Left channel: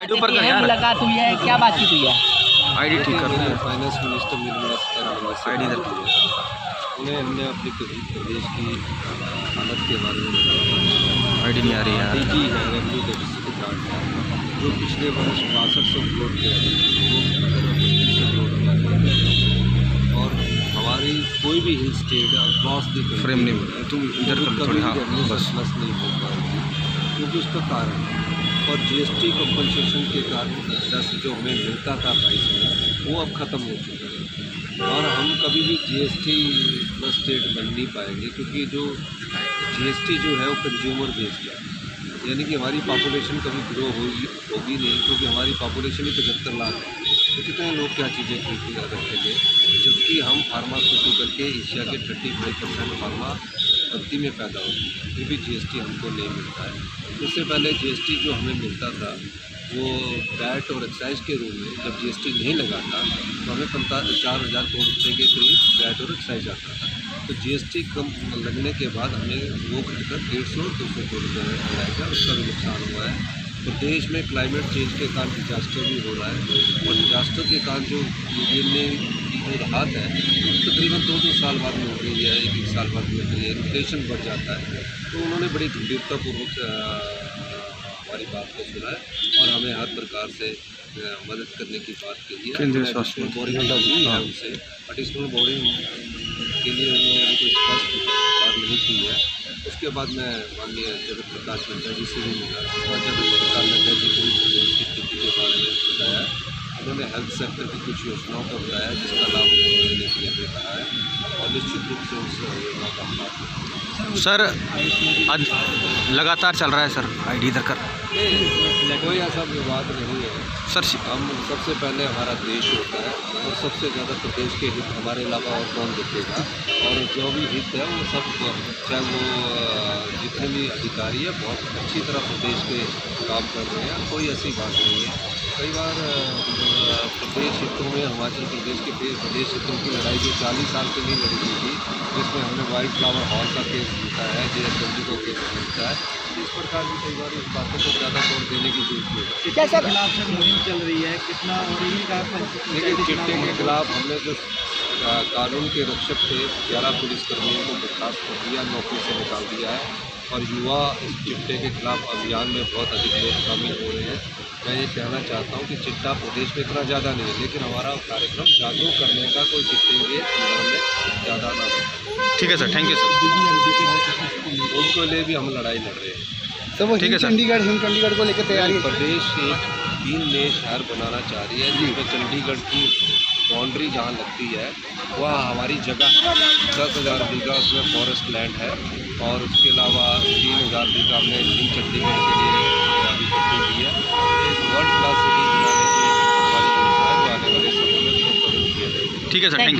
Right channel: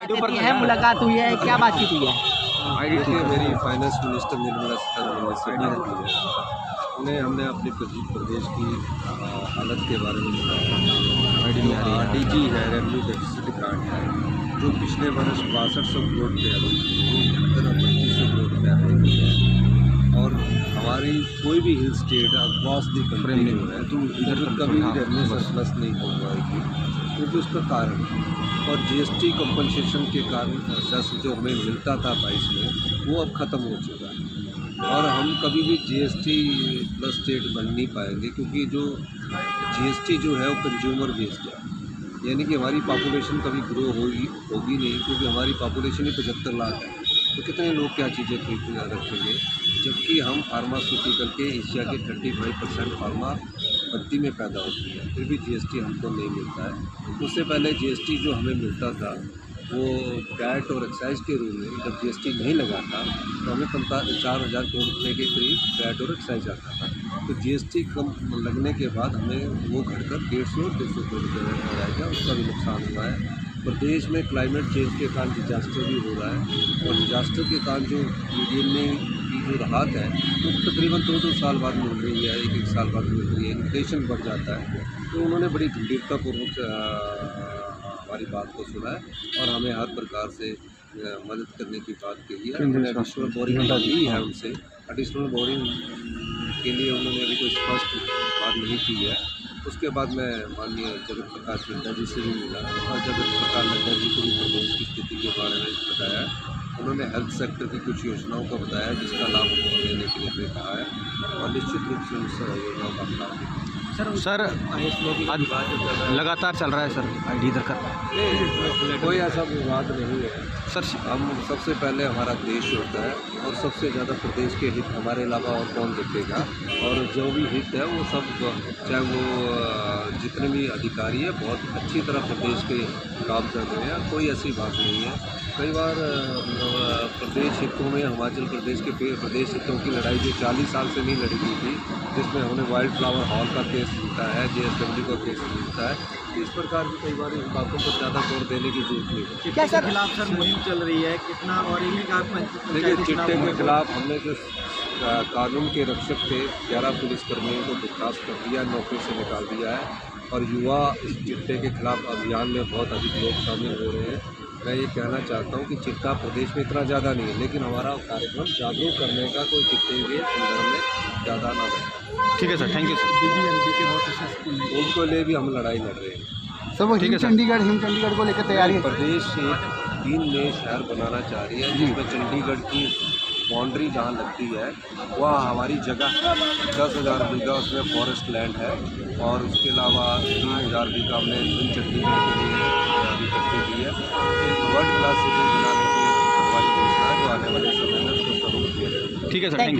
मुलाकात हुई है, क्या बातचीत हुई है? आईडी ठीक कर रही है। फाइनेंस मिनिस्टर निर्मला सीतारमण से आईडी बात की है। उन्हें हमने अपने प्रदेश की हालत के बारे में बताया। आईडी नहीं आ रही है यार। डीजी है, रेवेन्यू डेफिसिट रिकॉर्ड है, जो पिछले वर्ष 6200 करोड़ के वो 2500 करोड़ के आगे। और हमारी कोई भी hill state across the frame नहीं हो रहा है, तुम इधर कर थोड़ी। हाँ बस सरप्लस नहीं हो पाएगी, क्योंकि उसका कारण है। और जीएसटी कंपनसेशन के कारण सेस जो हमें मिलता था 22 में, वो अब ख़त्म हो चुका है। और हम कभी भी जीएसटी प्लस स्टेट बन नहीं पाएंगे, क्योंकि जो जीएसटी जो है वो कंज्यूमर बेस्ड है। यानी कि हमारी पॉपुलेशन कभी ग्रो होगी नहीं, क्योंकि हमारी पॉपुलेशन ही 75 लाख है। तो कितने लोग क्या चीज़ें खरीद रखेंगे, जबकि हम फार्मास्यूटिकल के एशिया के 35% फार्मा पत्ती में पैदा होती है, फिर भी जीएसटी हमको नहीं मिलता है। उससे पहले जीएसटी जो हमें मिलता था वो वैट और एक्साइज के रूप में, जब जीएसटी नहीं लगा था तो हमें 4,000 करोड़ रुपये के करीब वैट और एक्साइज आता था। तो जीएसटी कम लगने के बाद हमें वो घटकर 150 और 200 करोड़ रुपये रह गया, उसका भी नुकसान हुआ है। प्रदेश में क्लाइमेट चेंज के कारण डिजास्टर भी हो रहा है, और डिजास्टर के कारण जो गिरने की जो राहत है वो तकरीबन 2-2 साल बाद मिल रही है, 1-1 साल बाद मिल रही है। इन्फ्लेशन बढ़ जाता है। तो उन्होंने बड़ी गंभीरतापूर्वक हमारी बात को सुना है, और हमें हर प्रकार से मदद करने की बात कही है। एडिशनल बोरिंग भी है उनसे, एडिशनल बोरिंग के लिए उन्होंने अभी कोई स्पष्ट बात नहीं की है। उसके बाद मैं माननीय जगत प्रकाश नड्डा जी से भी मिला, और जगत प्रकाश नड्डा जी को भी प्रदेश की स्थिति के बारे में बताया। उन्होंने हेल्थ सेक्टर की कुछ योजनाओं का बताया, जिसका लाभ उनको लेने के लिए हमें कहा है, और निश्चित रूप से उस योजनाओं का लाभ सर लगातार चल रहा है सर आईडी इधर कर। कोई ऐसा विवाद नहीं है सर। हम सबसे पहले हमारा देश होता है, और सबसे ज़्यादा प्रदेश के हित हमारे अलावा और कौन देखेगा। और जो भी हित है वो सब, चाहे वो जितने भी अधिकारी है, बहुत अच्छी तरह प्रदेश के काम कर रहे हैं। कोई ऐसी बात नहीं है। कई बार प्रदेश हितों में, हिमाचल प्रदेश के प्रदेश हितों की लड़ाई जो 40 साल से नहीं लड़ी गई थी, जिसमें हमने वाइल्ड फ्लावर हॉल का केस जीता है, JSW का केस जीता है, इस प्रकार की कई बार इन बातों पर ज़्यादा जोर देने की जरूरत नहीं है। क्या सर सर मुहिम चल रही है कितना, और इन्हीं का देखिए, चिट्टे के खिलाफ हमने जो कानून के रक्षक थे 11 पुलिसकर्मियों को बर्खास्त कर दिया, नौकरी से निकाल दिया है, और युवा इस चिट्टे के खिलाफ अभियान में बहुत अधिक लोग शामिल हो रहे हैं। मैं ये कहना चाहता हूँ कि चिट्टा प्रदेश में इतना ज़्यादा नहीं है, लेकिन हमारा कार्यक्रम जागरूक करने का, कोई चिट्टे के संदर्भ में ज़्यादा ना हो। ठीक है सर, थैंक यू सर। उनको लिए भी हम लड़ाई लड़ रहे हैं। सब ठीक है सर। चंडीगढ़ को लेकर तैयारी प्रदेश एक 3 नए शहर बनाना चाह रही है, जिसमें चंडीगढ़ की बाउंड्री जहाँ लगती है वह हमारी जगह 10,000 बीघा उसमें फॉरेस्ट लैंड है, और उसके अलावा 3,000 बीघा हमने न्यू चंडीगढ़ के लिए अभी इकट्ठी की है। एक वर्ल्ड क्लास सिटी बनाने की हमारी योजना है, जो आने वाले समय में उसको शुरू किया जाएगा। ठीक है सर, थैंक यू।